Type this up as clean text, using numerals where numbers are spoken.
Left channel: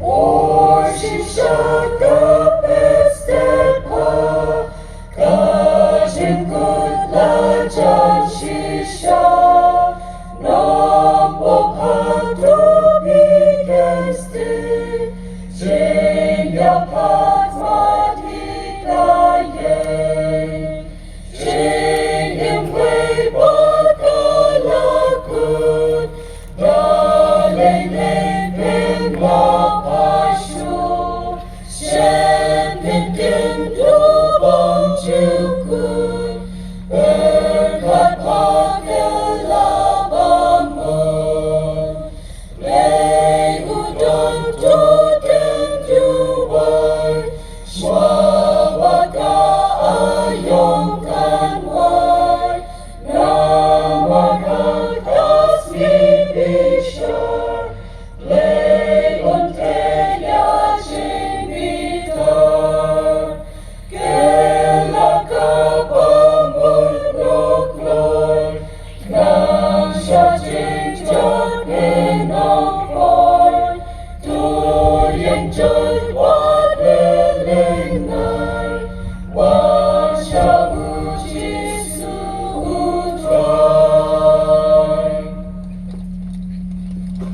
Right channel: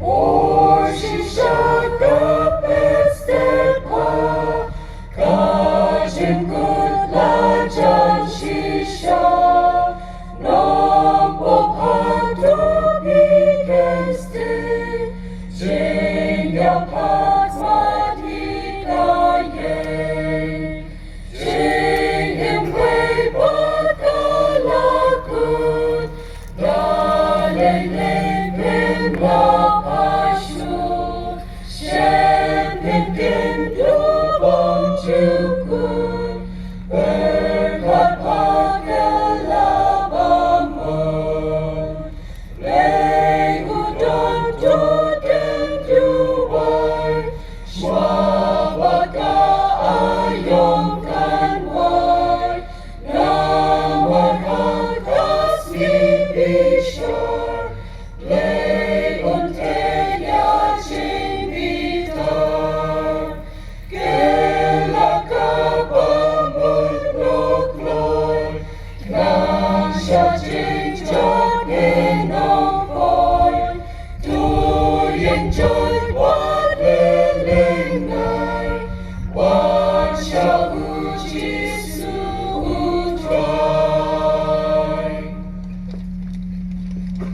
오시셨다 가진 굿날 전시셔 넘보파도 비게스트 진격한 마디나예 진임 회복할라군 나네네 마파쇼 셴빈긴 두번주군 berkat pakai labamu, lei udon